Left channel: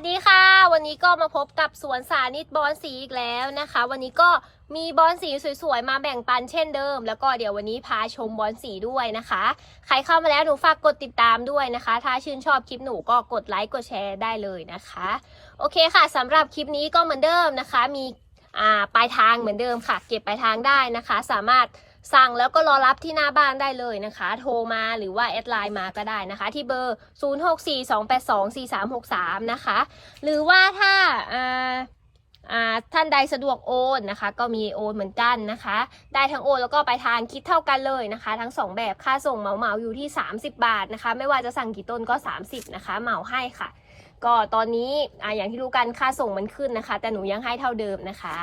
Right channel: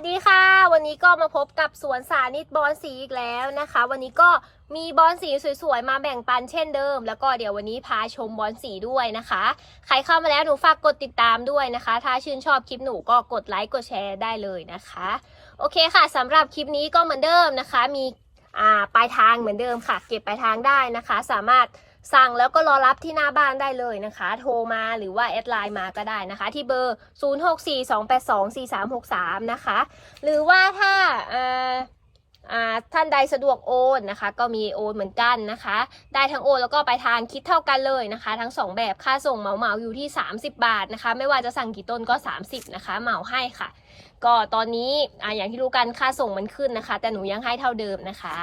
วัสดีค่ะ วันนี้ก็มาพบกับสวนสานิตบอลสีอีกแล้วนะคะ วันนี้ก็มีบอลสีสวยๆ มาแบ่งปันเช่นเดิม แล้วก็เดี๋ยววันนี้พาชมบอลสีด้วยนะคะ ใครเข้ามาแล้วหนูฝากกดติดตามด้วยนะคะ ถ้าชื่นชอบคลิปหนูก็กดไลค์กดแชร์ได้เลยนะคะ โอเคค่ะสำหรับคลิปนี้ก็เหมือนเดิมนะคะ มีอ่าปลายทางเหมือนเดิมค่ะ เก็บปลายทางได้นะคะ สามารถ สั่งแล้วก็รอรับที่หน้าบ้านได้เลยนะคะ โทรมาหรือว่าแอดไลน์มาก็ได้นะคะ ที่เบอร์ 0642824363 นะคะ หรือว่าถ้าท่านใดสะดวกโอนนะคะ ก็มีโอนเหมือนกันนะคะ ได้ทั้งโอนแล้วก็ไปลายทางคิดเท่ากันเลยนะคะ ทั้งสองแบบค่าส่งเหมาเหมาอยู่ที่ 30 บาทนะคะ ไม่ว่าจะสั่งกี่ต้นก็ 30 นะคะ เหมาให้ค่ะ ก็ตอนนี้อ่าอย่างที่รู้กันค่าส่งมันขึ้นนะคะ แต่หนูยังให้เท่าเดิมนะคะ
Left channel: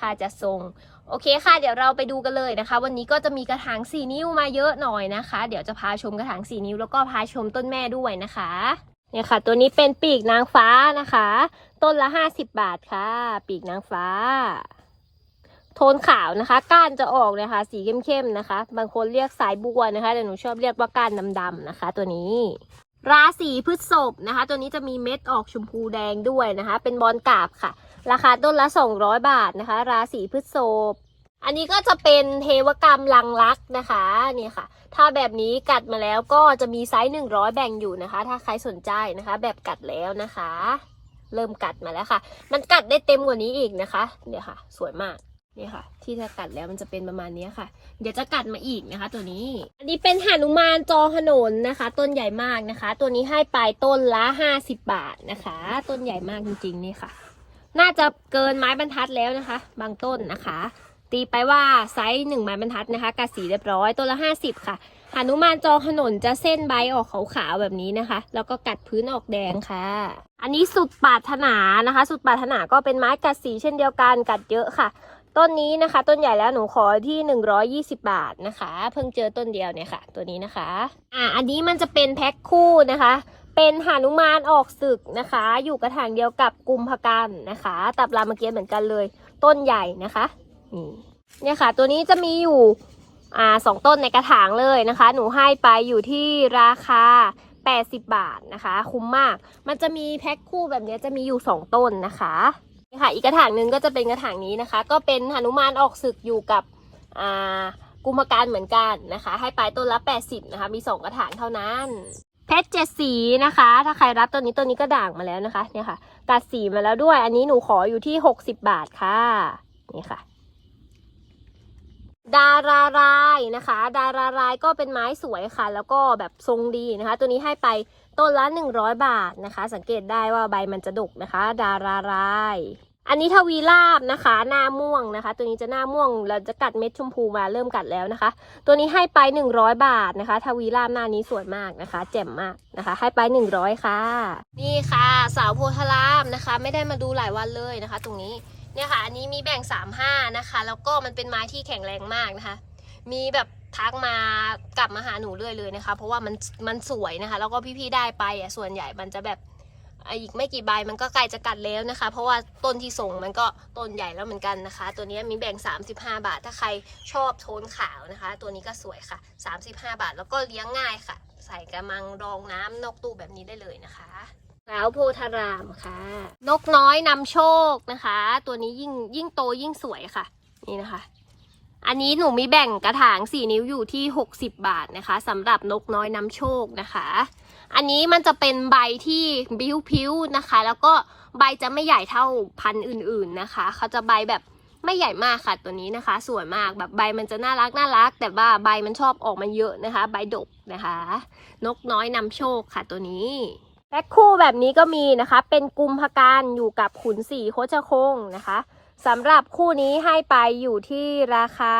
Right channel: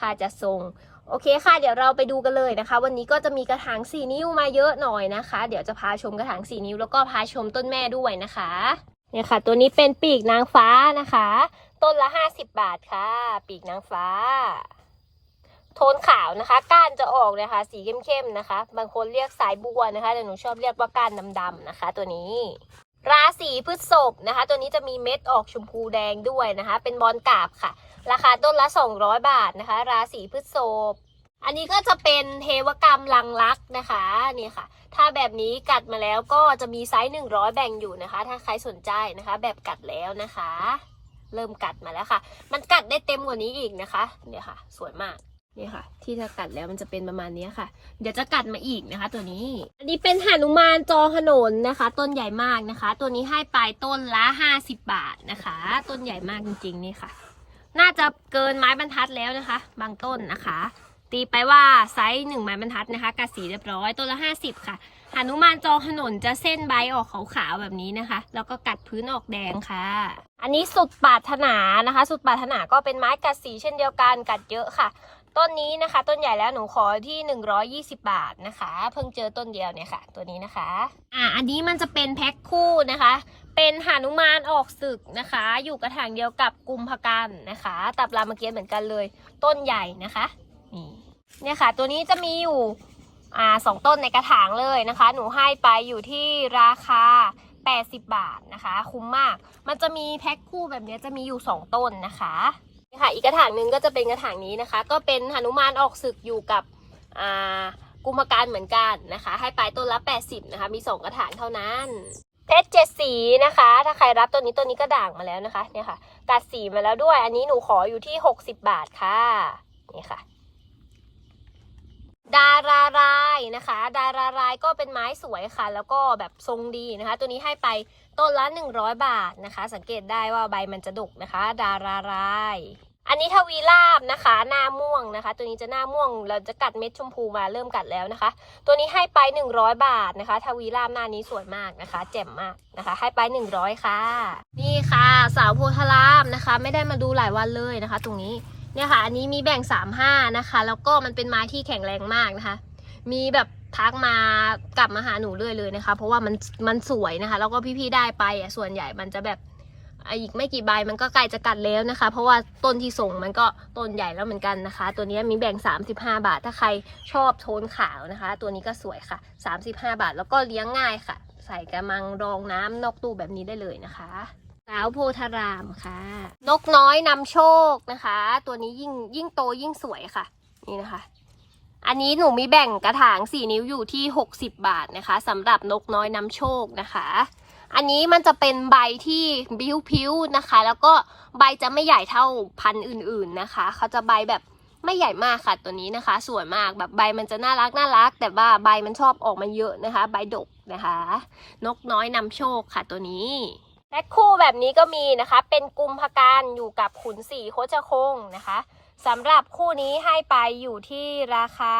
ค่าจะส่งโอเคค่ะ เดี๋ยวเราไปดูกันเลยนะคะ วันนี้ก็จะมีกระถาง 4 นิ้วมาเยอะหน่อยนะคะ เดี๋ยวจะพาชมกระถาง 4 นิ้วแล้วก็พาชมต้นแม่ด้วยนะคะเนี่ยค่ะ ตัวนี้เป็นปีกนางฟ้านะคะ ต้นละ 50 บาทค่ะ ปีกนางฟ้า โทนขาวนะคะ ก้านจะออกนะคะ สีเข้มๆนะคะ บางคนเรียกสายบัวนะคะแต่หนูชอบเรียกว่าก้านดำๆนะคะ ตัวนี้ ราศีพฤษภนะคะ ตัวนี้จะมีเม็ดออกชมพูแดงด้วยนะคะ เป็นบอลกาบค่ะ ราคาต้นละ 200 บาทนะคะ ราศีพฤษภอันนี้ก็จะเป็นเทวกรรมลังรักนะคะนี่ค่ะ ถ้าแบบนี้กัดมาแล้วก็จะมีไซส์100 แบ่งอยู่นะคะ ถ้าใครสนใจนะคะ แบบกัดแล้วนะคะ เริ่มกัดมาแล้วค่ะ มันกัดได้เต็มกว่านี้อีกนะคะ เนี่ยค่ะ สวยมาก นี่ค่ะ ที่ถ้ากัดแล้วมันจะเป็นประมาณนี้ค่ะ เดี๋ยวจะกัดมาอีกนะคะ ตัวนี้ อันนี้เป็นหนุมานจอขนนนะคะ ต้นใหญ่มากนะคะ ตัวนี้ให้ไปต้นละ50บาทนะคะ ต้นใหญ่มากจริงๆนี่ค่ะ น่าจะเกินไม้บรรทัดแล้วนะคะ บางต้นนะคะ ตีไปว่าไซส์หนึ่งไม้บรรทัดนะคะกัดสีเรียบร้อยต้นละห้าสิบค่ะหนุมานจอขนนจะเส้นใบออกขาวๆแบบนี้นะคะ แล้วก็กัดพื้นออกแดงค่ะ อันนี้สุดปาถนานะคะ สุดปาถนาก็เป็นไม้กัดสีเช่นเดียวกันกัดเยอะค่ะ ต้นนี้นะคะ ต้นใหญ่แล้วหนูขอที่ 120 บาทนะคะ เพิ่งเจอต้นเดียวเนี่ยค่ะ ตัวนี้นะคะอ่าอันนี้มันจะเป็นแพ็คคู่นะคะ เป็นหานุมานออกศึกนะคะ อยู่กระถางเดียวกับกุมภกันนะคะ ตับรามเกียรติเหมือนกันเลย ต้นใหญ่นะคะนี่เนี่ยค่ะ ตัวนี้จะมีอยู่อ่าสองต้นในกระถางเลยนะคะ หนูให้ไปอยู่ที่ราคา80 บาทนะคะ คุ้มมาก มันจะมีแพ็คคู่แบบนี้จะมีอยู่ 2 ต้นนะคะ ค่ะ อีกกระถางหนึ่งก็จะเป็นกระถางนี้นะคะ ก็เป็นหนุมานออกศึกอยู่กับกุมภการเหมือนกันนะคะ ให้ไปต้นละ 80 นะคะ มี 2 กระถางเท่านั้น เพชรเจ็ดสีนะคะ ถ้าใครรับตัวนี้ตัวนี้ก็ด่างมาแล้วนะคะ เนี่ยค่ะ กัดสีมาแล้วด้วย อันนี้หนูขออยู่ที่ 60 บาทค่ะ นี่ค่ะ ดารารายนะคะ ดารารายก็เป็นไม้สวยค่ะ แล้วก็แบบทรงดีนะคะ ตัวนี้ให้ไปต้นละ 100 บาทนะคะ สังเกตได้ว่าใบมันจะดกนะคะ ดาราราย อันนี้ทวีลาบนะคะ หน้าม่วงนะคะ ตัวนี้จะหน้าม่วง เราจะกัดเม็ดชมพูมาเริ่มกัดแล้วนะคะ ตัวนี้ให้ไป 100 บาทนะคะ ทวีลาบหน้านี้สวยมากนะคะ แจ่มมากนะคะ ให้ไป 100 ค่ะ นี่ค่ะ สาวโพธารามนะคะ ไม่ได้มาดูหลายวันเลยนะคะ ตรงนี้ เนี่ยค่ะ อันนี้มีแบ่ง35นะคะ แล้วก็มันเป็นไม้ที่แข็งแรงมากนะคะ มีแบบทักมากลับมาหาหนูเรื่อยเลยนะคะ เพราะว่ามันมันสวยนะคะ แล้วก็พี่ๆได้ไปอะส่วนใหญ่มันจะแบบอีกไม่กี่ใบมันก็ใกล้จะกัดแล้วนะคะ เพราะว่าต้นที่ส่งมันก็ต้นใหญ่แล้วเหมือนกันนะคะ ตัวนี้มีแบ่ง 35 บาท ถ้าใครชอบโทนขาวนะคะ ตัวนี้ก็สวยค่ะ 35 บาท แล้วก็เลี้ยงง่ายค่ะ ใส่กระมังรองน้ำนอกตู้แบบนี้ได้เลยนะคะาวโพธารามค่ะ นกน้อยนำโชคนะคะ ตัวนี้ยิ่งยิ่งโตยิ่งสวยค่ะ นี่นะคะ อันนี้หนูมีแบ่งกระถางสี่นิ้วอยู่ที่60บาทนะคะสำหรับนกน้อยนำโชคนะคะ อันนี้มันจะเป็นใบที่พิ้วๆนะคะ แล้วก็ใบจะไม่ใหญ่เท่าพันธุ์อื่น ๆนะคะ เขาจะใบแบบไม่ใหญ่มากค่ะตัวนี้นะคะสวยมากแบบใบมันจะน่ารักน่ารัก แต่ว่าใบมันชอบออกมาเยอะนะคะ ใบดกนะคะ นกน้อยนำโชคค่ะตัวนี้ แพ็คคู่แบบนี้ก็มีนะคะ เป็นกุมภการอยู่กับขุนสีโคชคงนะคะสำหรับคู่นี้ให้ไปอยู่ที่ราคา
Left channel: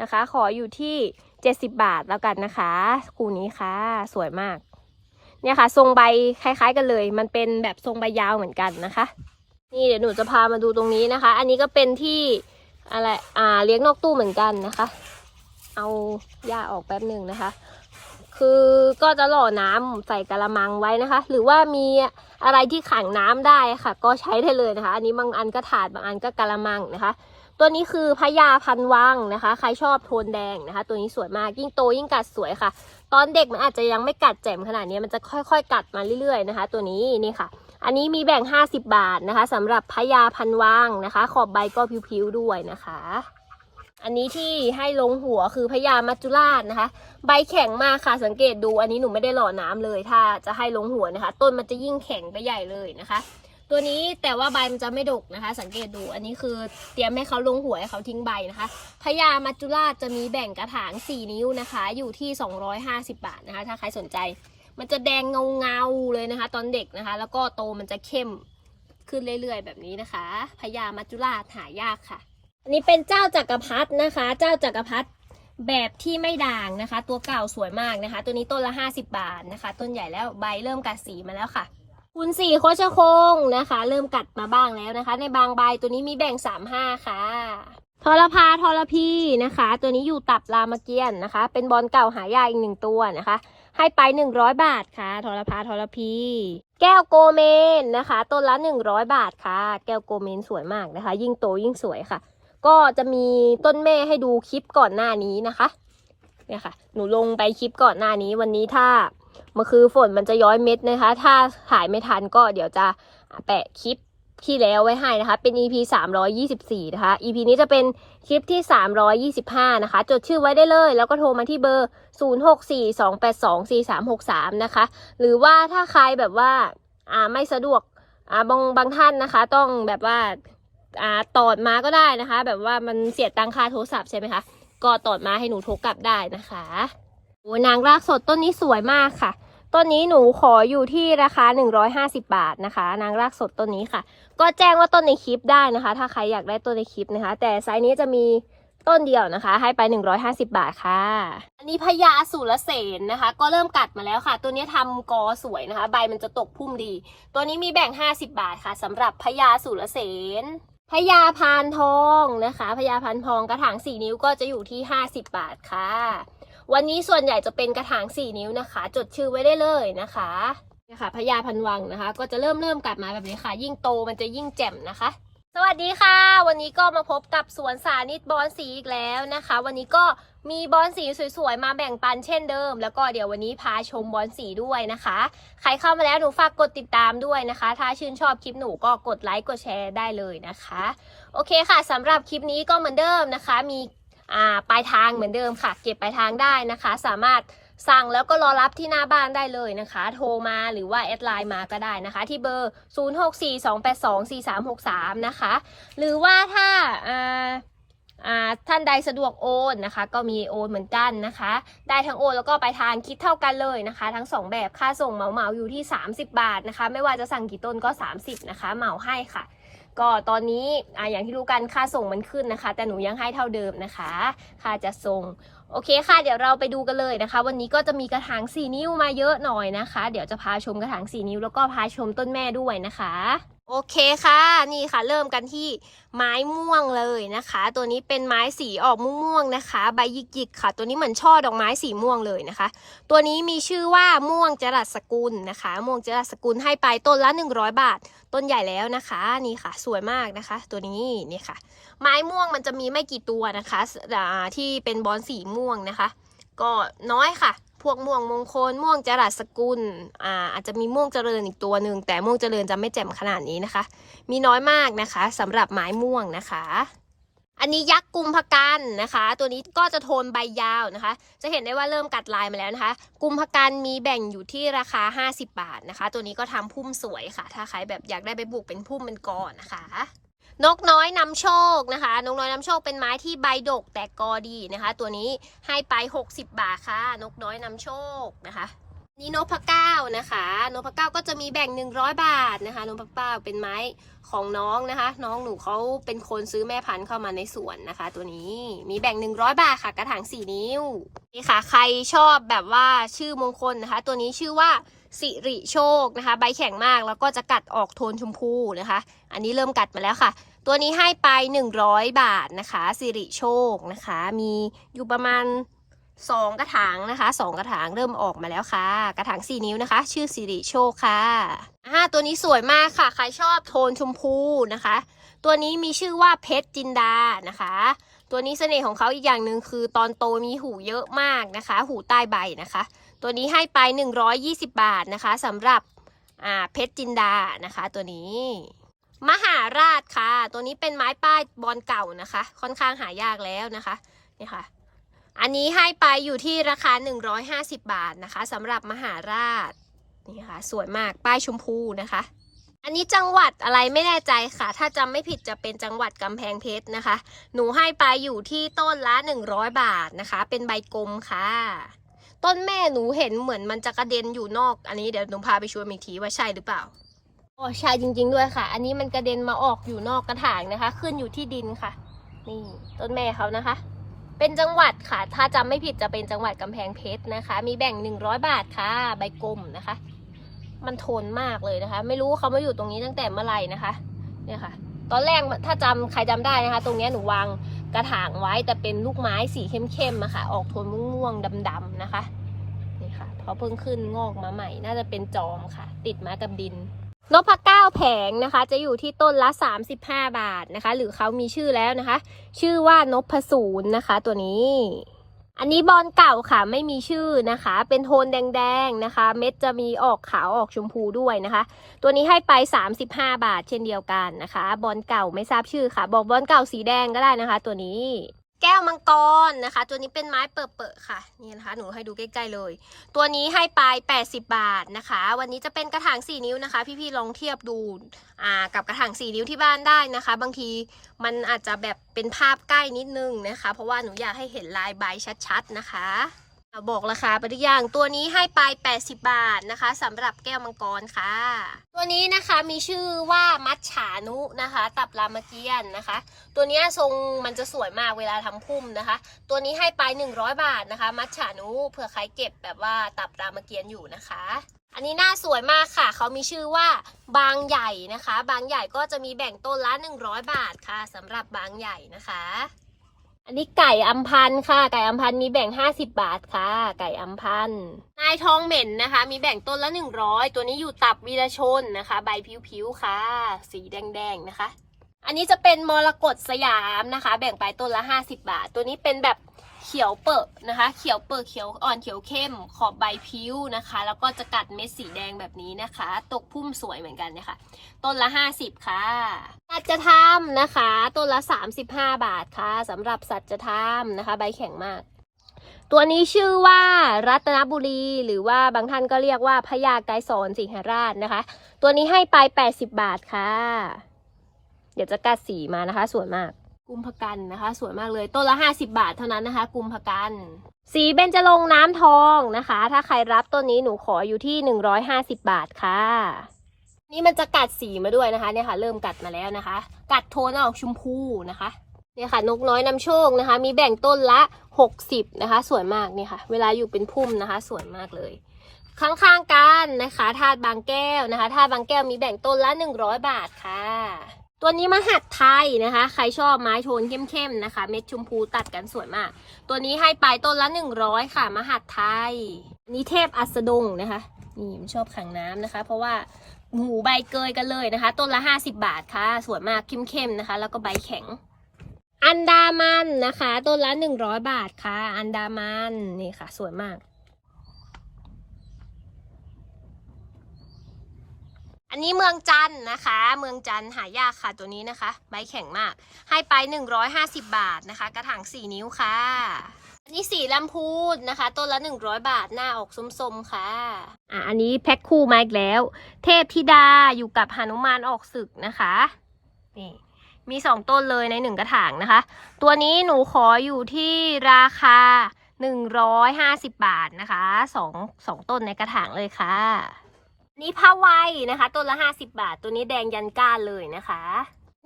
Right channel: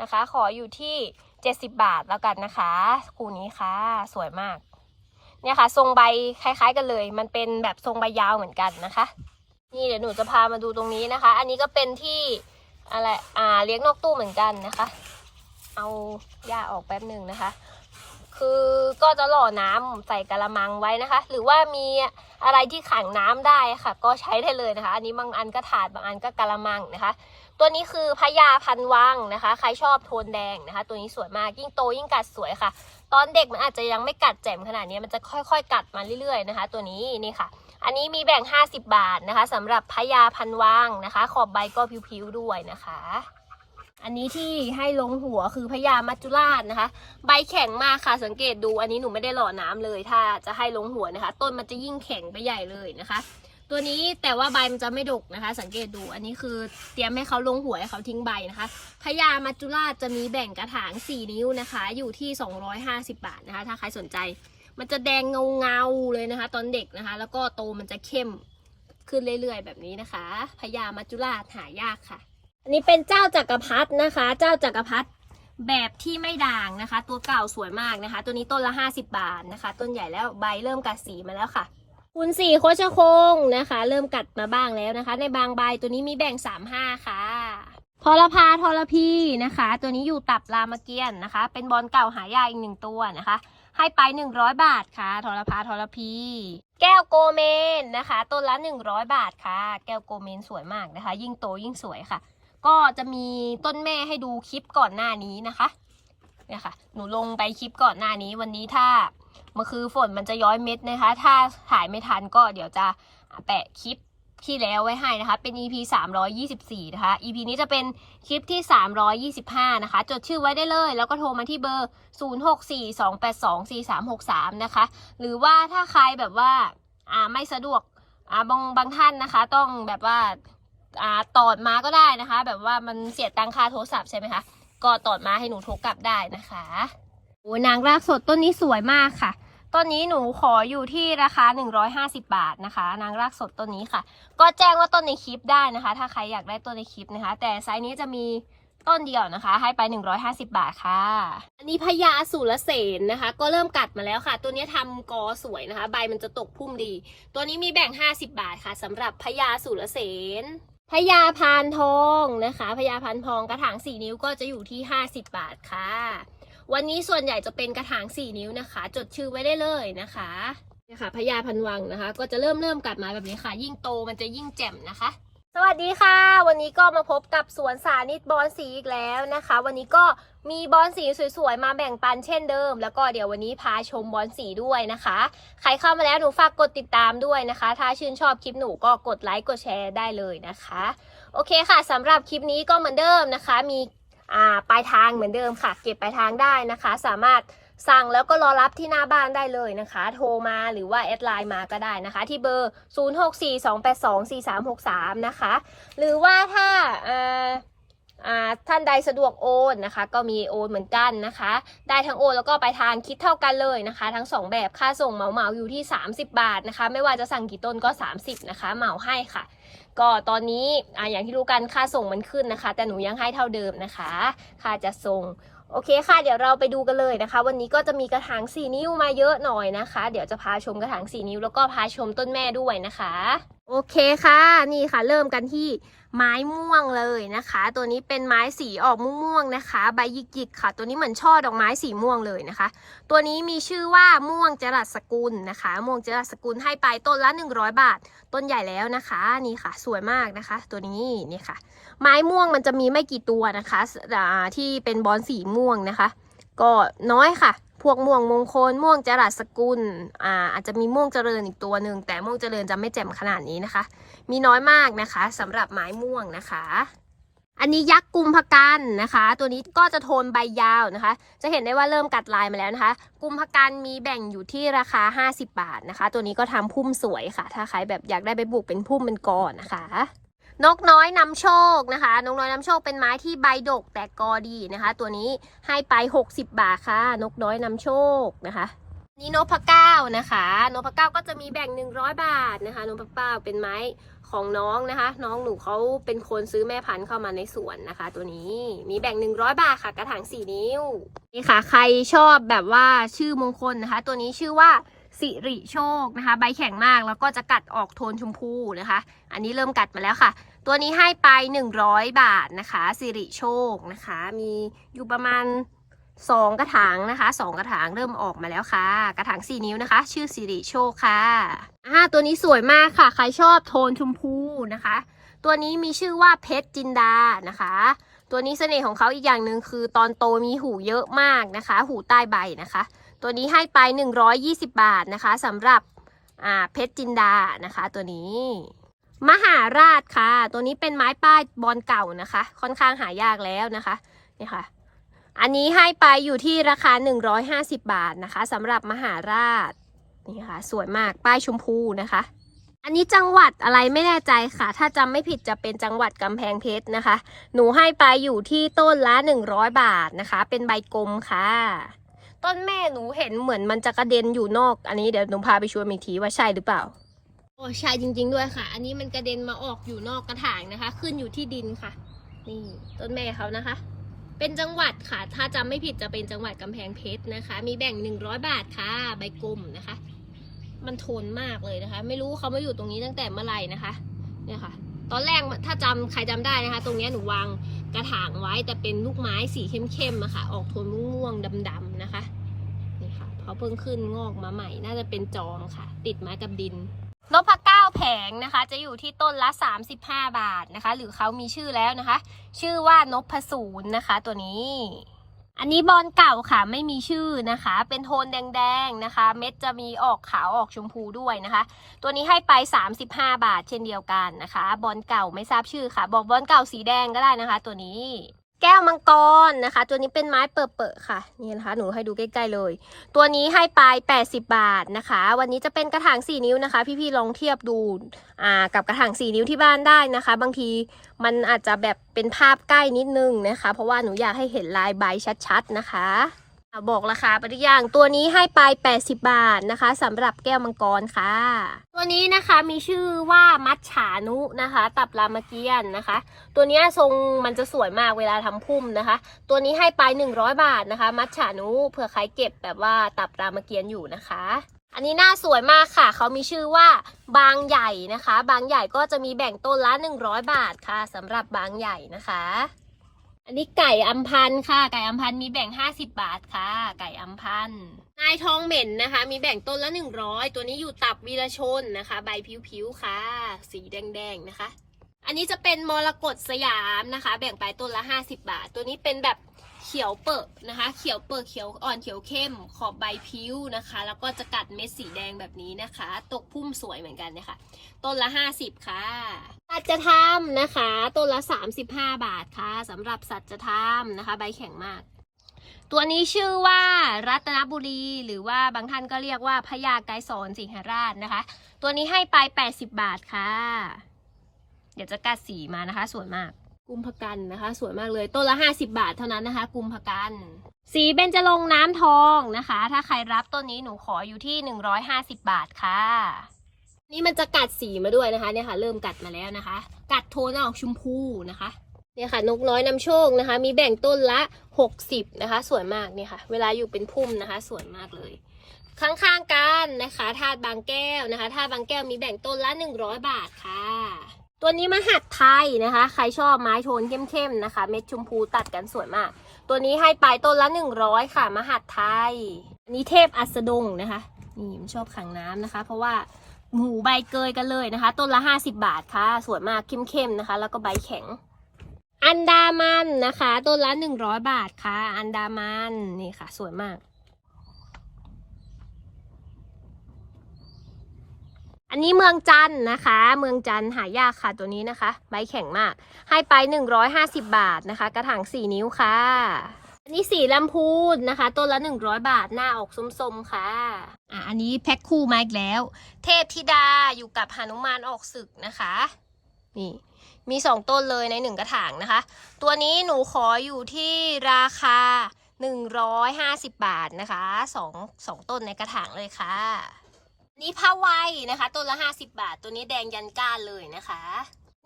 นะคะ ขออยู่ที่ 70 บาทแล้วกันนะคะ คู่นี้ค่ะ สวยมาก เนี่ยค่ะ ทรงใบคล้าย ๆ กันเลย มันเป็นแบบทรงใบยาวเหมือนกันนะคะ นี่เดี๋ยวหนูจะพามาดูตรงนี้นะคะ อันนี้ก็เป็นที่อะไรอ่าเลี้ยงนอกตู้เหมือนกันนะคะ เอาหญ้าออกแป๊บหนึ่งนะคะ คือก็จะหล่อน้ำใส่กระมังไว้นะคะ หรือว่ามีอะไรที่ขังน้ำได้ค่ะ ก็ใช้ได้เลยนะคะ อันนี้บางอันก็ถาดบางอันก็กระมังนะคะ ตัวนี้คือพญาพันวังนะคะ ใครชอบโทนแดงนะคะ ตัวนี้สวยมากยิ่งโตยิ่งกัดสวยค่ะ ตอนเด็กมันอาจจะยังไม่กัดแจ่มขนาดนี้มันจะค่อยๆ กัดมาเรื่อยๆนะคะ ตัวนี้นี่ค่ะ อันนี้มีแบ่ง 50 บาทนะคะสำหรับพญาพันวังนะคะ ขอบใบก็พิ้วๆด้วยนะคะ อันนี้ที่ให้ลงหัวคือพญามัจจุราชนะคะ ใบแข็งมากค่ะสังเกตดู อันนี้หนูไม่ได้หล่อน้ำเลย ถ้าจะให้ลงหัวนะคะ ต้นมันจะยิ่งแข็งไปใหญ่เลยนะคะ ตัวนี้แต่ว่าใบมันจะไม่ดกนะคะ สังเกตดูอันนี้คือเตรียมให้เขาลงหัวให้เขาทิ้งใบนะคะพญามัจจุราชจะมีแบ่งกระถาง 4 นิ้วนะคะ อยู่ที่ 250 บาทนะคะ ถ้าใครสนใจ มันจะแดงเงาเงาๆเลยนะคะ ตอนเด็กนะคะ แล้วก็โตมันจะเข้มขึ้นเรื่อยๆ แบบนี้นะคะพญามัจจุราชหายากค่ะ อันนี้เป็นเจ้าจักรพรรดินะคะ เจ้าจักรพรรดิแบบที่ไม่ด่างนะคะ ตัวเก่าสวยมากนะคะ ตัวนี้ต้นละ 50 บาทนะคะ ต้นใหญ่แล้วใบเริ่มกัดสีมาแล้วค่ะคุณสี่โคชคงนะคะ เริ่มกัดมาบ้างแล้วนะคะ ในบางใบตัวนี้มีแบ่ง35ค่ะทรพาทรพีนะคะ ตัวนี้อยู่ตับรามเกียนนะคะ เป็นบอลเก่าหายากอีกหนึ่งตัวนะคะ ให้ไป 100 บาทค่ะทรพาทรพี แก้วโกเมนนะคะ ต้นละ 100 บาทค่ะ แก้วโกเมนสวยมากนะคะ ยิ่งโตยิ่งสวยค่ะ ก็จะมีต้นแม่ให้ดูคลิปก่อนหน้านี้นะคะเนี่ยค่ะ หนูลงไปคลิปก่อนหน้านี้วันนี้ถ้าเมื่อคือฝนมันจะย้อยเม็ดนะคะ ถ้าถ่ายไม่ทันก็เดี๋ยวจะแปะคลิปที่แล้วไว้ให้นะคะ เป็น EP 324 นะคะ EP นี้จะเป็นคลิปที่ 325 นะคะ จดชื่อไว้ได้เลย แล้วก็โทรมาที่เบอร์ 0642824363 นะคะ หรือว่าถ้าใครแบบว่า อ่าไม่สะดวก อ่าบางบางท่านนะคะ ต้องแบบว่า อ่าตอดมาก็ได้นะคะ แบบว่ามันเสียตังค่าโทรศัพท์ใช่ไหมคะก็ตอดมาให้หนูโทรกลับได้นะคะโอ้นางรากสดต้นนี้สวยมากค่ะต้นนี้หนูขออยู่ที่ราคา 150 บาทนะคะ นางรากสดต้นนี้ค่ะ ก็แจ้งว่าต้นในคลิปได้นะคะ ถ้าใครอยากได้ต้นในคลิปนะคะ แต่ไซส์นี้จะมีต้นเดียวนะคะ ให้ไป 150 บาทค่ะ อันนี้พญาสุรเสนนะคะ ก็เริ่มกัดมาแล้วค่ะ ตัวนี้ทำกอสวยนะคะ ใบมันจะตกพุ่มดี ตัวนี้มีแบ่ง 50 บาทค่ะสำหรับพญาสุรเสน พญาพานทองนะคะพญาพานทองกระถาง 4 นิ้วก็จะอยู่ที่ 50 บาทค่ะ วันนี้ส่วนใหญ่จะเป็นกระถาง 4 นิ้วนะคะ จดชื่อไว้ได้เลยนะคะเนี่ยค่ะพญาพันวังนะคะ ก็จะเริ่มเริ่มกลับมาแบบนี้ค่ะ ยิ่งโตมันจะยิ่งแจ่มนะคะ สวัสดีค่ะ วันนี้ก็มาพบกับสวนสานิตบอนสีอีกแล้วนะคะ วันนี้ก็มีบอนสีสวยๆ มาแบ่งปันเช่นเดิม แล้วก็เดี๋ยววันนี้พาชมบอนสีด้วยนะคะ ใครเข้ามาแล้วหนูฝากกดติดตามด้วยนะคะ ถ้าชื่นชอบคลิปหนูก็กดไลค์กดแชร์ได้เลยนะคะ โอเคค่ะสำหรับคลิปนี้ก็เหมือนเดิมนะคะ มีอ่าปลายทางเหมือนเดิมค่ะ เก็บปลายทางได้นะคะ สามารถ สั่งแล้วก็รอรับที่หน้าบ้านได้เลยนะคะ โทรมาหรือว่าแอดไลน์มาก็ได้นะคะ ที่เบอร์ 0642824363 นะคะ หรือว่าถ้าท่านใดสะดวกโอนนะคะ ก็มีโอนเหมือนกันนะคะ ได้ทั้งโอนแล้วก็ไปลายทานคิดเท่ากันเลยนะคะ ทั้งสองแบบค่าส่งเหมาเหมาอยู่ที่ 30 บาทนะคะ ไม่ว่าจะสั่งกี่ต้นก็ 30 นะคะ เหมาให้ค่ะ ก็ตอนนี้ออย่างที่รู้กันค่าส่งมันขึ้นนะคะ แต่หนูยังให้เท่าเดิมนะคะ ค่าจะส่ง โอเคค่ะ เดี๋ยวเราไปดูกันเลยนะคะ วันนี้ก็จะมีกระถาง4นิ้วมาเยอะหน่อยนะคะ เดี๋ยวจะพาชมกระถาง4นิ้วแล้วก็พาชมต้นแม่ด้วยนะคะ โอเคค่ะ นี่ค่ะ เริ่มกันที่ไม้ม่วงเลยนะคะ ตัวนี้เป็นไม้สีออกม่วงๆนะคะ ใบหยิกๆค่ะ ตัวนี้เหมือนช่อดอกไม้สีม่วงเลยนะคะ ตัวนี้มีชื่อว่าม่วงจรัสสกุลนะคะ ม่วงจรัสสกุลให้ไปต้นละ 100 บาท ต้นใหญ่แล้วนะคะ นี่ค่ะ สวยมากนะคะ ตัวนี้นี่ค่ะ ไม้ม่วงมันจะมีไม่กี่ตัวนะคะที่เป็นบอลสีม่วงนะคะ ก็น้อยค่ะ พวกม่วงมงคล ม่วงจรัสสกุลอ่าอาจจะมีม่วงเจริญอีกตัวหนึ่งแต่ม่วงเจริญจะไม่แจ่มขนาดนี้นะคะ มีน้อยมากนะคะสำหรับไม้ม่วงนะคะอันนี้ยักษ์กุมภกันนะคะ ตัวนี้ก็จะโทนใบยาวนะคะ จะเห็นได้ว่าเริ่มกัดลายมาแล้วนะคะ กุมภกันมีแบ่งอยู่ที่ราคา 50 บาทนะคะ ตัวนี้ก็ทำพุ่มสวยค่ะ ถ้าใครแบบอยากได้ไปปลูกเป็นพุ่มเป็นกอนะคะ นกน้อยนำโชคนะคะ นกน้อยนำโชคเป็นไม้ที่ใบดกแต่กอดีนะคะ ตัวนี้ให้ไป 60 บาทค่ะ นกน้อยนำโชคนะคะ นี่นกพเก้านะคะนกพเก้าก็จะมีแบ่ง 100 บาทนะคะนกพเก้าเป็นไม้ของน้องนะคะ น้องหนูเขาเป็นคนซื้อแม่พันธุ์เข้ามาในสวนนะคะ ตัวนี้มีแบ่ง 100 บาทค่ะ กระถาง4 นิ้วนี่ค่ะ ใครชอบแบบว่าชื่อมงคลนะคะ ตัวนี้ชื่อว่า สิริโชคนะคะ ใบแข็งมากแล้วก็จะกัดออกโทนชมพูนะคะ อันนี้เริ่มกัดมาแล้วค่ะ ตัวนี้ให้ไป 100 บาทนะคะ สิริโชคนะคะ มีอยู่ประมาณสองกระถางนะคะสองกระถางเริ่มออกมาแล้วค่ะ กระถางสี่นิ้วนะคะ ชื่อสิริโชคค่ะอ่าตัวนี้สวยมากค่ะ ใครชอบโทนชมพูนะคะ ตัวนี้มีชื่อว่าเพชรจินดานะคะตัวนี้เสน่ห์ของเขาอีกอย่างหนึ่งคือตอนโตมีหูเยอะมากนะคะ หูใต้ใบนะคะ ตัวนี้ให้ไป 120 บาทนะคะสำหรับเพชรจินดานะคะตัวนี้ มหาราชค่ะ ตัวนี้เป็นไม้ป้ายบอลเก่านะคะ ค่อนข้างหายากแล้วนะคะนี่ค่ะ อันนี้ให้ไปอยู่ที่ราคา 150 บาทนะคะสำหรับมหาราชนี่ค่ะ สวยมากป้ายชมพูนะคะ อันนี้จังหวัดอะไรไม่แน่ใจค่ะ ถ้าจำไม่ผิดจะเป็นจังหวัดกำแพงเพชรนะคะ หนูให้ไปอยู่ที่ต้นละ 100 บาทนะคะ เป็นใบกลมค่ะ ต้นแม่หนูเห็นเหมือนมันจะกระเด็นอยู่นอก อันนี้เดี๋ยวหนูพาไปชวนอีกทีว่าใช่หรือเปล่าโอ้ใช่จริง ๆ ด้วยค่ะ อันนี้มันกระเด็นมาออกอยู่นอกกระถางนะคะ ขึ้นอยู่ที่ดินค่ะ นี่ต้นแม่เขานะคะ เป็นจังหวัดค่ะ ถ้าจำไม่ผิดจะเป็นจังหวัดกำแพงเพชรนะคะ มีแบ่ง 100 บาทค่ะ ใบกลมนะคะ มันทนมากเลยนะคะ ไม่รู้เขามาอยู่ตรงนี้ตั้งแต่เมื่อไหร่นะคะ เนี่ยค่ะ ตอนแรกถ้าจำใครจำได้นะคะ ตรงเนี้ยหนูวาง กระถางไว้แต่เป็นลูกไม้สีเข้มๆอะค่ะ ออกโทนม่วงๆดำๆนะคะนี่ค่ะเพราะเพิ่งขึ้นงอกมาใหม่ น่าจะเป็นจอมค่ะ ติดมากับดินนพเก้าแผงนะคะ จะอยู่ที่ต้นละ 35 บาทนะคะ หรือเขามีชื่อแล้วนะคะ ชื่อว่านพศูนย์นะคะ ตัวนี้ อันนี้บอลเก่าค่ะไม่มีชื่อนะคะ เป็นโทนแดงๆนะคะ เม็ดจะมีออกขาวออกชมพูด้วยนะคะ ตัวนี้ให้ไป 35 บาทเช่นเดียวกันนะคะ บอลเก่าไม่ทราบชื่อค่ะ บอกบอลเก่าสีแดงก็ได้นะคะ ตัวนี้ แก้วมังกรนะคะ ตัวนี้เป็นไม้เปิดๆค่ะนี่นะคะ หนูให้ดูใกล้ๆเลย ตัวนี้ให้ไป 80 บาทนะคะ วันนี้จะเป็นกระถาง 4 นิ้วนะคะ พี่ๆลองเทียบดูอ่ากับกระถาง 4 นิ้วที่บ้านได้นะคะ บางทีมันอาจจะแบบเป็นภาพใกล้นิดนึงนะคะ เพราะว่าหนูอยากให้เห็นลายใบชัดๆนะคะอะ บอกราคาไปทุกอย่างตัวนี้ให้ไป 80 บาทนะคะสำหรับแก้วมังกรค่ะ ตัวนี้นะคะมีชื่อว่ามัจฉานุนะคะ ตับรามเกียนนะคะ ตัวนี้ทรงมันจะสวยมากเวลาทำพุ่มนะคะ ตัวนี้ให้ไป 100 บาทนะคะ มัจฉานุเผื่อใครเก็บแบบว่าตับรามเกียนอยู่นะคะ อันนี้หน่าสวยมากค่ะ เขามีชื่อว่าบางใหญ่นะคะ บางใหญ่ก็จะมีแบ่งต้นละ 100 บาทค่ะสำหรับบางใหญ่นะคะ อันนี้ไก่อัมพันธ์ค่ะ ไก่อัมพันธ์มีแบ่ง50บาทค่ะ ไก่อัมพันธ์นายทองเหม็นนะคะ มีแบ่งต้นละ100ตัวนี้อยู่ตับวีรชนนะคะ ใบผิวๆค่ะ สีแดงๆนะคะ อันนี้จะเป็นมรกตสยามนะคะ แบ่งไปต้นละ50บาท ตัวนี้เป็นแบบ เขียวเปิดนะคะ เขียวเปิดเขียวอ่อนเขียวเข้ม ขอบใบพิ้วนะคะ แล้วก็จะกัดเม็ดสีแดงแบบนี้นะคะ ตกพุ่มสวยเหมือนกันเนี่ยค่ะต้นละ 50 ค่ะ สัจธรรมนะคะ ต้นละ 35 บาทค่ะสำหรับสัจธรรมนะคะ ใบแข็งมากตัวนี้ชื่อว่ารัตนบุรีหรือว่าบางท่านก็เรียกว่าพญาไกรสอนสิงหราชนะคะ ตัวนี้ให้ไป 80 บาทค่ะ เดี๋ยวจะกัดสีมานะคะสวยมาก กุมภกันนะคะ สวยมากเลยต้นละ 50 บาทเท่านั้นนะคะ กุมภกัน สีเบญจรงน้ำทองนะคะ ถ้าใครรับต้นนี้หนูขออยู่ที่ 150 บาทค่ะ นี่มันจะกัดสีมาด้วยนะคะเนี่ยค่ะ เริ่มกัดมาแล้วนะคะ กัดโทนออกชมพูนะคะเนี่ยค่ะนกน้อยนำโชคนะคะ มีแบ่งต้นละ 60 นะคะ สวยมากเนี่ยค่ะ เวลาอยู่เป็นพุ่มนะคะ สวยมากเลยข้างๆกันนะคะธาตุบางแก้วนะคะธาตุบางแก้วมีแบ่งต้นละ 100 บาทค่ะ ตัวนี้มหัดไทยนะคะ ใครชอบไม้โทนเข้มๆนะคะ เม็ดชมพูตัดกันสวยมาก ตัวนี้ให้ไปต้นละ100ค่ะ มหัดไทยนี้เทพอัสดงนะคะ นี่มันชอบขังน้ำนะคะ เพราะว่าหมูใบเกยกันเลยนะคะ ต้นละ50บาทค่ะ สวยมากเข้มๆนะคะ แล้วก็ใบแข็ง อันดามันนะคะ ต้นละ100บาทค่ะ อันดามันนี่ค่ะ สวยมาก อันนี้เมืองจันนะคะ เมืองจันหายากค่ะตัวนี้นะคะ ใบแข็งมาก ให้ไป 150 บาทนะคะ กระถาง4 นิ้วค่ะ อันนี้สีลำพูนนะคะต้นละ 100 บาทหน้าออกส้มๆค่ะ อะ อันนี้แพ็คคู่มาอีกแล้ว เทพธิดาอยู่กับหนุมานออกศึกนะคะ นี่มีสองต้นเลยในหนึ่งกระถางนะคะ ตัวนี้หนูขออยู่ที่ราคา 150 บาทนะคะสองสองต้นในกระถางเลยค่ะ นนี้ผ้าไวนะคะต้นละ 50 บาท ตัวนี้แดงยันก้านเลยนะคะ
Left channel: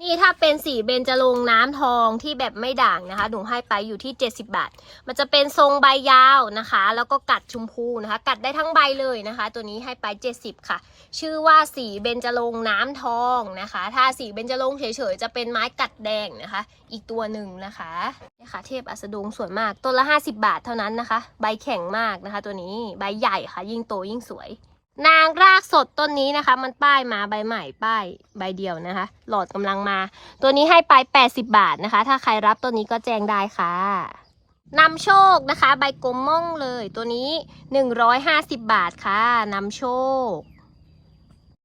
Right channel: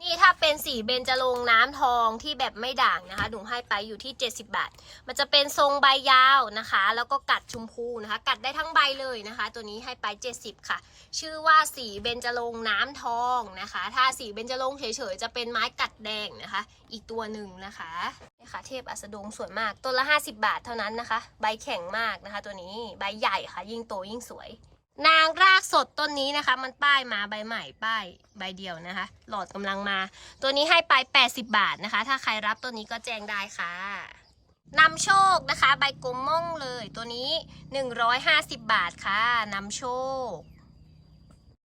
นี่ถ้าเป็นสีเบญจรงค์น้ำทองที่แบบไม่ด่างนะคะหนูให้ไปอยู่ที่ 70 บาท มันจะเป็นทรงใบยาวนะคะ แล้วก็กัดชมพูนะคะ กัดได้ทั้งใบเลยนะคะ ตัวนี้ให้ไป 70 ค่ะ ชื่อว่าสีเบญจรงค์น้ำทองนะคะ ถ้าสีเบญจรงค์เฉยๆจะเป็นไม้กัดแดงนะคะ อีกตัวหนึ่งนะคะนี่ค่ะ เทพอัสดงสวยมากต้นละ 50 บาทเท่านั้นนะคะ ใบแข็งมากนะคะ ตัวนี้ใบใหญ่ค่ะ ยิ่งโตยิ่งสวย นางรากสดต้นนี้นะคะ มันป้ายมาใบใหม่ป้ายใบเดียวนะคะ หลอดกำลังมา ตัวนี้ให้ไป 80 บาทนะคะ ถ้าใครรับตัวนี้ก็แจ้งได้ค่ะนำโชคนะคะ ใบกลมม่งเลยตัวนี้ 150 บาทค่ะนำโชค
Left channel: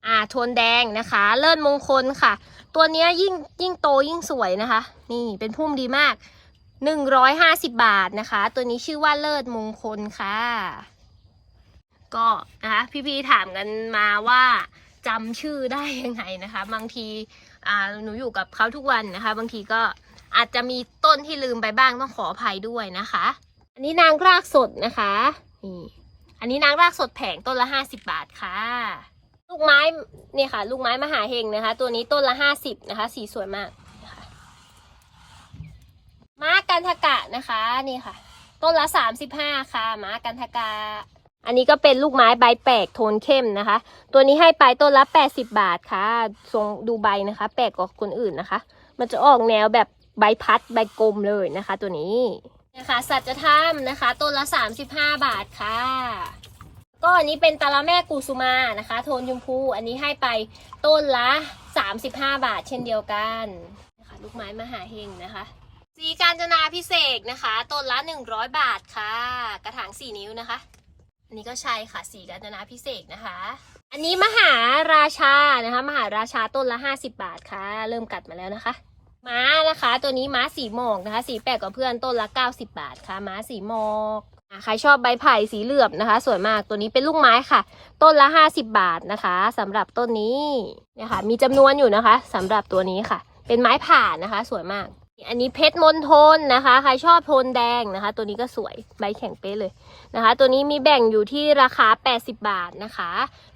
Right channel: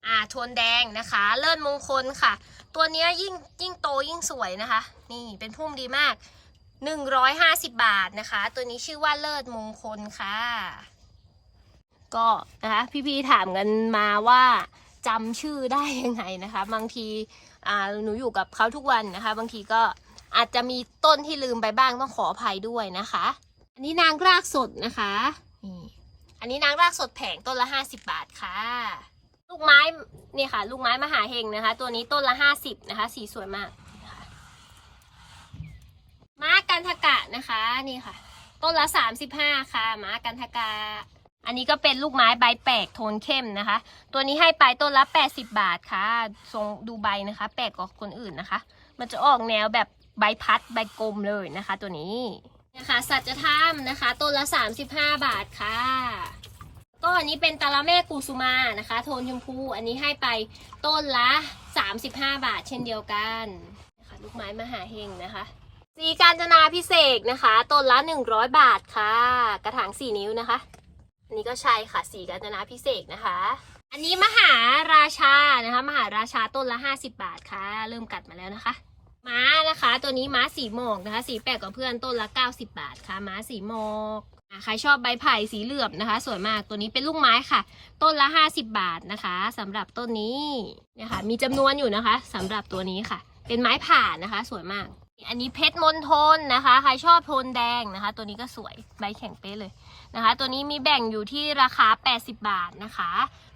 อ่าโทนแดงนะคะ เลิศมงคลค่ะ ตัวนี้ยยิ่งยิ่งโตยิ่งสวยนะคะ นี่เป็นพุ่มดีมาก 150 บาทนะคะ ตัวนี้ชื่อว่าเลิศมงคลค่ะ ก็นะคะพี่ๆถามกันมาว่าจำชื่อได้ยังไงนะคะ บางทีอ่าหนูอยู่กับเขาทุกวันนะคะ บางทีก็อาจจะมีต้นที่ลืมไปบ้างต้องขออภัยด้วยนะคะ อันนี้นางรากสดนะคะนี่อันนี้นางรากสดแผงต้นละ50บบาทค่ะ ลูกไม้เนี่ยค่ะ ลูกไม้มหาเฮงนะคะ ตัวนี้ต้นละ50นะคะ สีสวยมากนะคะม้ากันทกะนะคะนี่ค่ะ ต้นละ35ค่ะม้ากันทกะ อันนี้ก็เป็นลูกไม้ใบแปลกโทนเข้มนะคะ ตัวนี้ให้ไปต้นละ 80 บาทค่ะ ทรงดูใบนะคะ แปลกกว่าคนอื่นนะคะ มันจะออกแนวแบบใบพัดใบกลมเลยนะคะ ตัวนี้นะคะสัจธรรมนะคะต้นละ 35 บาทค่ะ ก็อันนี้เป็นตะละแม่กุสุมานะคะ โทนชมพูอันนี้ให้ไปต้นละ 35 บาท เช่นเดียวกันนะคะลูกไม้มหาเฮงนะคะสีการจนาพิเศษนะคะ ต้นละ 100 บาทค่ะ กระถาง 4 นิ้วนะคะ อันนี้ก็ใช่ค่ะสีกาญจนาพิเศษนะคะ อันนี้มหาราชานะคะ มหาราชาต้นละ 50 บาทค่ะ เริ่มกัดมาแล้วนะคะ ม้านะคะ ตัวนี้ม้าสีหมอกนะคะ สีแปลกกว่าเพื่อนต้นละ 90 บาทค่ะ ม้าสีหมอกใครชอบใบไผ่สีเหลือบนะคะ สวยมากตัวนี้เป็นลูกไม้ค่ะ ต้นละ 50 บาทนะคะสำหรับต้นนี้นี่ยค่ะมีจำนวนอยู่นะคะสำหรับตัวนี้ค่ะ เป็นไม้ผ่านะคะ สวยมาก อันนี้เพชรมณฑลนะคะ ใครชอบโทนแดงนะคะ ตัวนี้ก็สวยใบแข็งเป๊ะเลย นะคะ ตัวนี้มีแบ่งอยู่ที่ราคา 80 บาทนะคะ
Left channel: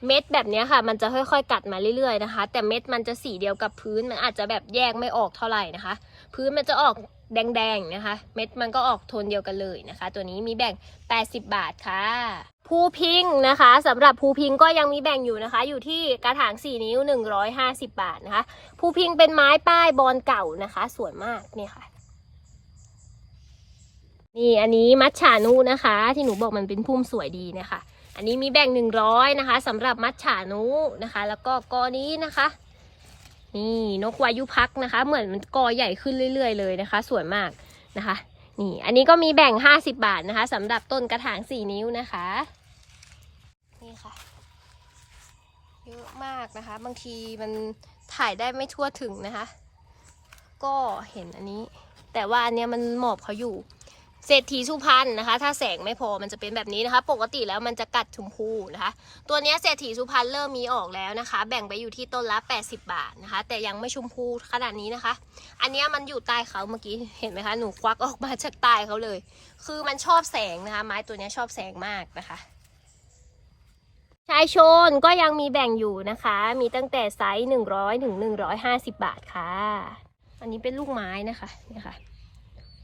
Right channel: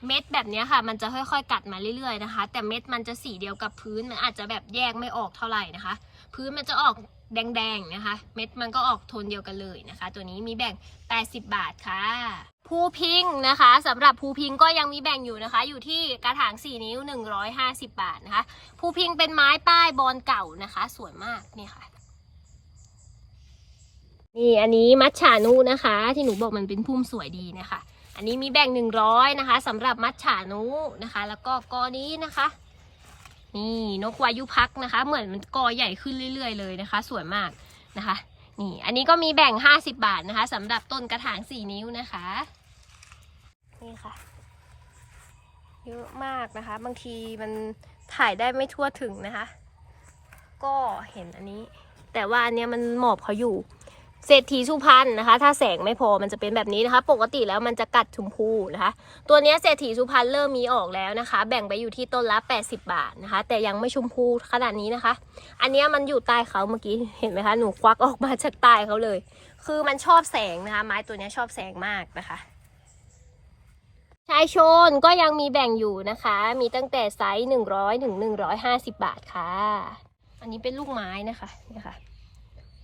เม็ดแบบนี้ค่ะ มันจะค่อยๆกัดมาเรื่อยๆนะคะ แต่เม็ดมันจะสีเดียวกับพื้น มันอาจจะแบบแยกไม่ออกเท่าไหร่นะคะ พื้นมันจะออกแดงๆนะคะ เม็ดมันก็ออกโทนเดียวกันเลยนะคะ ตัวนี้มีแบ่ง 80 บาทค่ะภูพิงนะคะสำหรับภูพิงก็ยังมีแบ่งอยู่นะคะ อยู่ที่กระถาง 4 นิ้ว 150 บาทนะคะภูพิงเป็นไม้ป้ายบอลเก่านะคะ สวยมากนี่ค่ะ นี่อันนี้มัชฉานุนะคะ ที่หนูบอกมันเป็นพุ่มสวยดีนะคะ อันนี้มีแบ่ง100นะคะสำหรับมัชฉานุนะคะ แล้วก็กอนี้นะคะ นี่นกวายุพักนะคะ เหมือนมันกอใหญ่ขึ้นเรื่อย ๆ เลยนะคะ สวยมากนะคะ นี่อันนี้ก็มีแบ่ง50บาทนะคะสำหรับต้นกระถาง4นิ้วนะคะ นี่ค่ะเยอะมากนะคะ บางทีมันถ่ายได้ไม่ทั่วถึงนะคะ ก็เห็นอันนี้ แต่ว่าอันเนี้ยมันหมอบเขาอยู่ เศรษฐีสุพรรณนะคะ ถ้าแสงไม่พอมันจะเป็นแบบนี้นะคะ ปกติแล้วมันจะกัดชมพูนะคะ ตัวนี้เศรษฐีสุพรรณเริ่มมีออกแล้วนะคะ แบ่งไปอยู่ที่ต้นละ 80 บาทนะคะ แต่ยังไม่ชมพูขนาดนี้นะคะ อันนี้มันอยู่ใต้เขาเมื่อกี้เห็นไหมคะหนูควักออกมาจากใต้เขาเลย คือมันชอบแสงนะคะ ไม้ตัวนี้ชอบแสงมากนะคะชายชนก็ยังมีแบ่งอยู่นะคะ มีตั้งแต่ไซส์หนึ่งร้อยถึงหนึ่งร้อยห้าสิบบาทค่ะ อันนี้เป็นลูกไม้นะคะนะคะ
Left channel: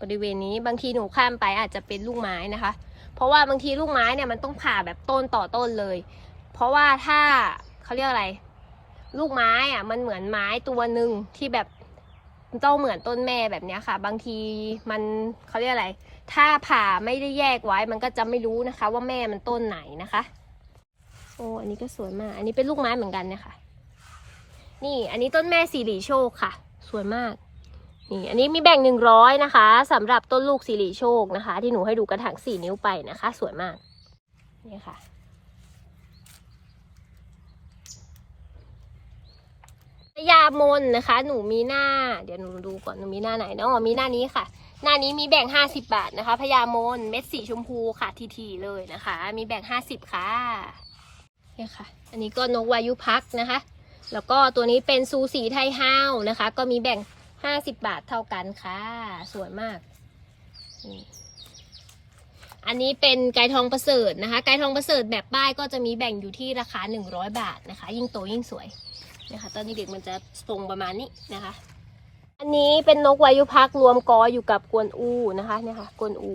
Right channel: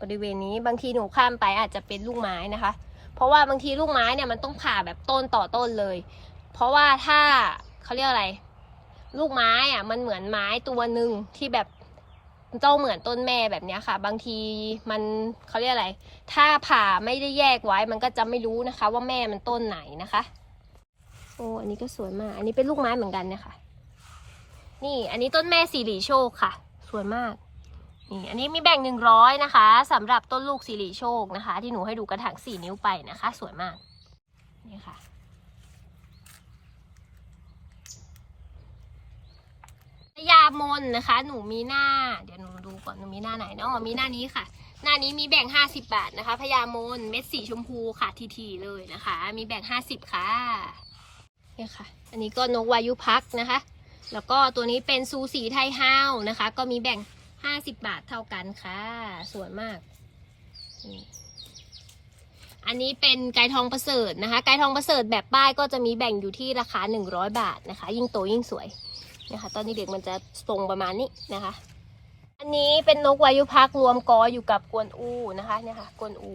บริเวณนี้บางทีหนูข้ามไปอาจจะเป็นลูกไม้นะคะ เพราะว่าบางทีลูกไม้เนี่ยมันต้องผ่าแบบต้นต่อต้นเลย เพราะว่าถ้าเขาเรียกอะไร ลูกไม้อะมันเหมือนไม้ตัวหนึ่งที่แบบเจ้าเหมือนต้นแม่แบบเนี้ยค่ะ บางทีมันเขาเรียกอะไร ถ้าผ่าไม่ได้แยกไว้มันก็จะไม่รู้นะคะ ว่าแม่มันต้นไหนนะคะ โอ้อันนี้ก็สวยมาก อันนี้เป็นลูกไม้เหมือนกันเนี่ยค่ะ นี่อันนี้ต้นแม่สีหลีโชคค่ะ สวยมาก นี่อันนี้มีแบ่งหนึ่งร้อยนะคะสำหรับต้นลูกสีหลีโชคนะคะ ที่หนูให้ดูกระถางสี่นิ้วไปนะคะ สวยมากนี่ค่ะพญามนนะคะ หนูมีหน้า เดี๋ยวหนูดูก่อนหนูมีหน้าไหนเนาะมีหน้านี้ค่ะ หน้านี้มีแบ่งห้าสิบาทนะคะพญามนเม็ดสีชมพูค่ะทีๆเลยนะคะ มีแบ่งห้าสิบค่ะเนี่ยค่ะ อันนี้ก็นกวายุพักนะคะ แล้วก็ตัวนี้เป็นซูสีไทยห้าวนะคะ ก็มีแบ่ง 50บาทเท่ากันค่ะ สวยมากนี่อันนี้เป็นไก่ทองประเสริฐนะคะ ไก่ทองประเสริฐแบบป้ายก็จะมีแบ่งอยู่ที่ราคา100บาทนะคะ ยิ่งโตยิ่งสวยนะคะ ตอนนี้เด็กมันจะทรงประมาณนี้นะคะ อันนี้เป็นนกวายุพักษ์รวมกออยู่กับกวนอูนะคะเนี่ยค่ะกวนอู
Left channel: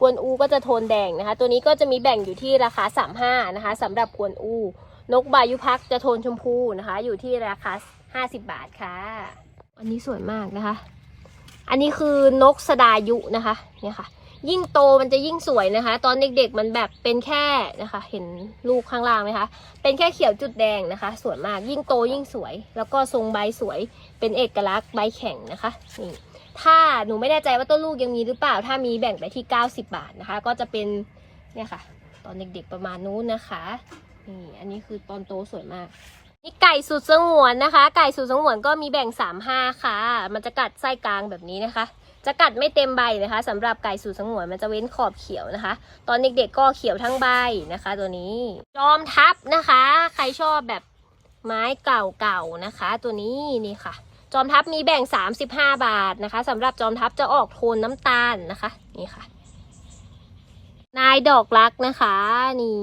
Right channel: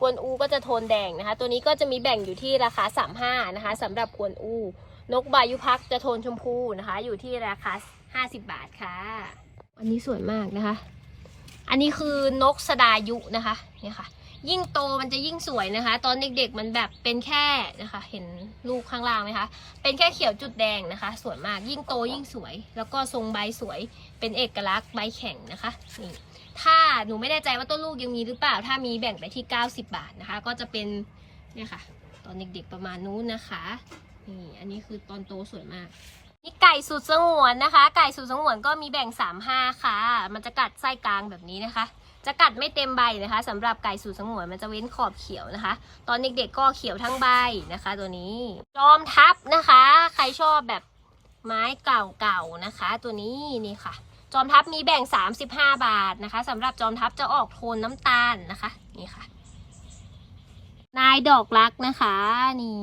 กวนอูก็จะโทนแดงนะคะ ตัวนี้ก็จะมีแบ่งอยู่ที่ราคา 35 นะคะสำหรับกวนอู นกบายุพักษ์จะโทนชมพูนะคะ อยู่ที่ราคา 50 บาทค่ะ อันนี้สวยมากนะคะ อันนี้คือนกสดายุนะคะเนี่ยค่ะ ยิ่งโตมันจะยิ่งสวยนะคะ ตอนเด็กๆมันแบบเป็นแค่นะคะ เห็นลูกข้างล่างไหมคะเป็นแค่เขียวจุดแดงนะคะ สวยมากยิ่งโตยิ่งสวย แล้วก็ทรงใบสวยเป็นเอกลักษณ์ใบแข็งนะคะนี่ถ้าหนูไม่แน่ใจว่าต้นลูกยังมีหรือเปล่า ถ้ามีแบ่งไปที่ 90 บาทนะคะ ก็จะเป็นเนี่ยค่ะ ตอนเด็กๆประมาณนู้นนะคะนี่อันนี้คือตอนโตสวยมาก นี่ไก่สูตรสงวนนะคะ ไก่สูตรสงวนก็มีแบ่งสามห้าค่ะ มันจะกัดไส้กลางแบบนี้นะคะ จะกัดไม่เต็มใบนะคะสำหรับไก่สูตรสงวนมันจะเว้นขอบเขียวนะคะ ตอนเด็กๆก็เขียวทั้งใบนะคะ ตัวนี้จอมทัพนะคะ ใครชอบแบบไม้เก่าๆนะคะ ตัวนี้นี่ค่ะ จอมทัพนี้แบ่ง 35 บาทนะคะสำหรับจอมทัพจะออกโทนน้ำตาลนะคะ นี่ค่ะ นายดอกรักนะคะ นี่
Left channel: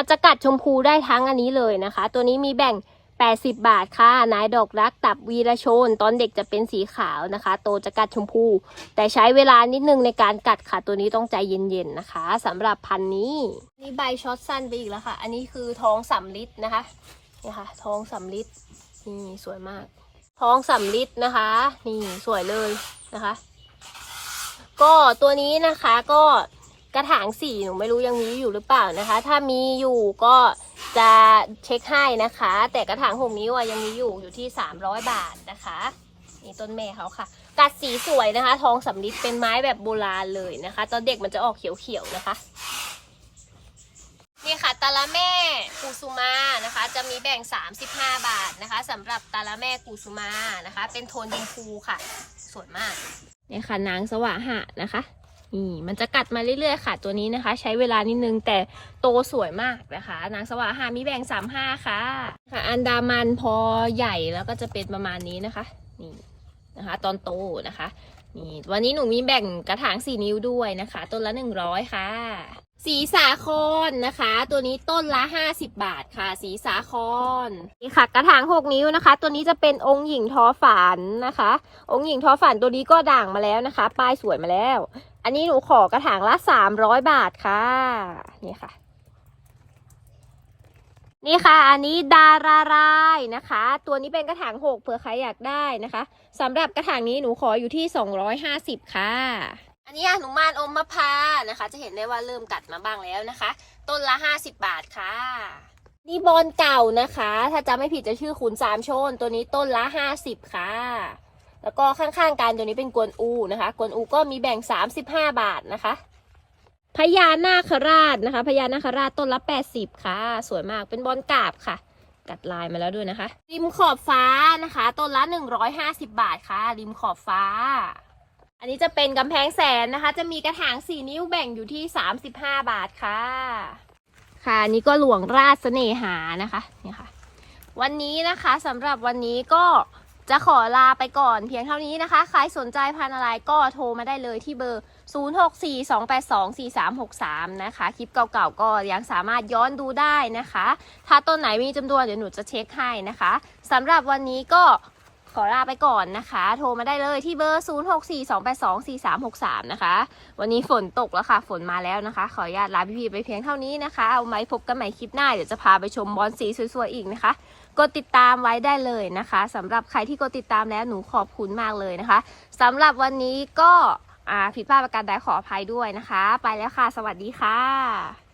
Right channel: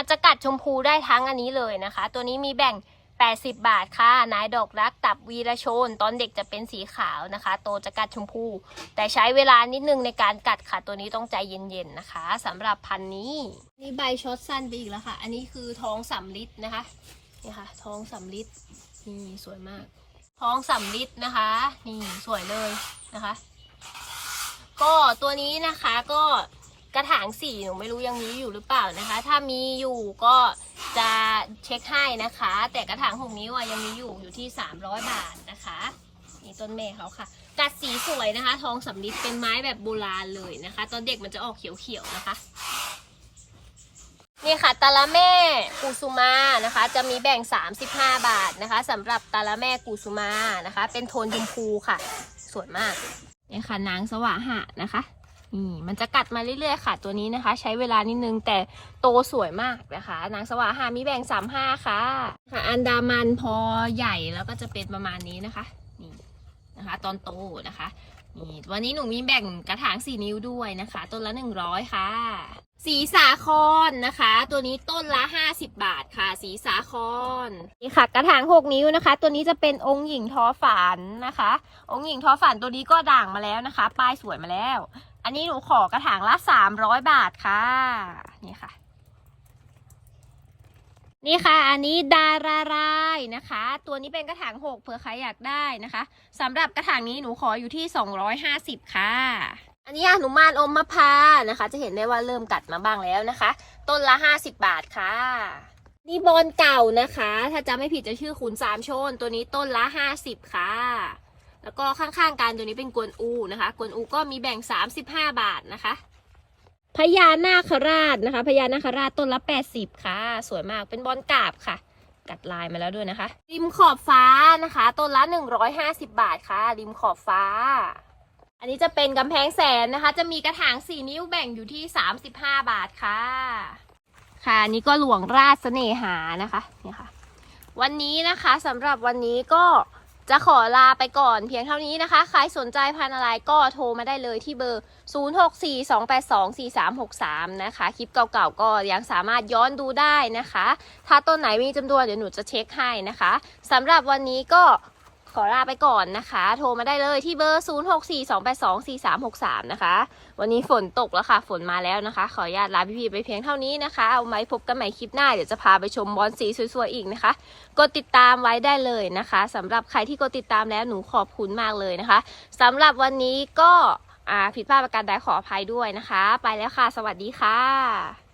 มันจะกัดชมพูได้ทั้งอันนี้เลยนะคะ ตัวนี้มีแบ่ง 80 บาทค่ะ นายดอกรักตับวีรชน ตอนเด็กจะเป็นสีขาวนะคะ โตจะกัดชมพู แต่ใช้เวลานิดนึงในการกัดค่ะ ตัวนี้ต้องใจเย็นๆนะคะสำหรับพันนี้ นี่ใบช็อตสั้นไปอีกแล้วค่ะ อันนี้คือท้องสำลิดนะคะนี่ค่ะท้องสำลิดนี่สวยมาก ท้องสำลิดนะคะ นี่สวยเลยนะคะ ก็ตัวนี้นะคะก็ กระถางสีหนูไม่รู้ยังมีอยู่หรือเปล่านะคะ ถ้ามีอยู่ก็จะเช็คให้นะคะ แต่กระถางหกนิ้วยังมีอยู่อยู่ที่สามร้อยบาทนะคะนี่ต้นเมย์เขาค่ะ กัดสีสวยนะคะ ทองสำลิดเป็นไม้แบบโบราณเลยนะคะ ตอนเด็กมันจะออกเขียวๆนะคะนี่ค่ะตาละแม่กุสุมานะคะ จะมีแบ่ง 35 บาทนะคะสำหรับตาละแม่กุสุมานะคะ เป็นโทนชมพูค่ะ สวยมากนี่ค่ะนางสวะหะนะคะ นี่มันจะกัดมาเรื่อยๆค่ะ ตัวนี้นะคะ ใช้เวลานิดนึงแต่โตสวยมากนะคะ นางสวะหามีแบ่ง35ค่ะ ค่ะ อันดามันพอใหญ่แล้วก็จะเป็นประมาณนี้นะคะ นี่นะคะ ตอนโตนะคะนี่วันนี้หนูมีแบ่งกระถางสี่นิ้วด้วยนะคะ ต้นละหนึ่งร้อยค่ะ สีสาครนนะคะ ตัวนี้ต้นละห้าสิบบาทค่ะ สีสาครนี่ค่ะกระถางหกนิ้วนะคะ ตัวนี้จะเป็นองค์หญิงทอฝันนะคะ องค์หญิงทอฝันตัวนี้ก็ด่างมาแล้วนะคะ ป้ายสวยมาแล้ว อันนี้หนูขอกระถางละสามร้อยบาทค่ะนี่ค่ะ นี่ค่ะ อันนี้ดารารายนะคะ ตัวนี้เป็นกระถางหกเผื่อใครอยากได้นะคะสำหรับกระถางนี้หนูขออยู่ที่ 250 ค่ะ อันนี้หนูมานอมมะพร้านะคะ จะเห็นได้ว่าเริ่มกัดมาบ้างแล้วนะคะ ต้นละ 50 บาทค่ะ นี่บอลเก่านะคะ ถ้าจำไม่ผิดจะชื่อขุนสามโชน ตัวนี้ต้นละ 50 ค่ะ แล้วก็ข้างๆกันตัวนี้เป็นกวนอูนะคะ กวนอูก็มีแบ่ง 35 บาทนะคะพญานาคราชนะคะพญานาคราชต้นละ 80 ค่ะ สวยมากเป็นบอลกาบค่ะ กัดลายมาแล้วด้วยนะคะ ริมขอบฟ้านะคะ ต้นละ 150 บาทค่ะ ริมขอบฟ้า อันนี้จะเป็นกำแพงแสนนะคะ จะมีกระถาง4นิ้วแบ่งอยู่ที่35บาทค่ะ ค่ะอันนี้ก็หลวงราชเสน่หานะคะนี่ค่ะ วันนี้นะคะสำหรับวันนี้ก็จะขอลาไปก่อนเพียงเท่านี้นะคะ ใครสนใจพันอะไรก็โทรมาได้เลยที่เบอร์ 0642824363 นะคะ คลิปเก่าๆก็ยังสามารถย้อนดูได้นะคะ ถ้าต้นไหนมีจำนวนเดี๋ยวหนูจะเช็คให้นะคะสำหรับวันนี้ก็ ขอลาไปก่อนนะคะ โทรมาได้เลยที่เบอร์ 0642824363 นะคะ วันนี้ฝนตกแล้วค่ะ ฝนมาแล้วนะคะ ขออนุญาตลาพี่ๆไปเพียงเท่านี้นะคะ เอาไว้พบกันใหม่คลิปหน้า เดี๋ยวจะพาไปชมบอลสีสวยๆอีกนะคะ กดติดตามไว้ได้เลยนะคะสำหรับใครที่กดติดตามแล้วหนูขอบคุณมากเลยนะคะสำหรับวันนี้ก็ผิดพลาดประการใดขออภัยด้วยนะคะ ไปแล้วค่ะ สวัสดีค่ะ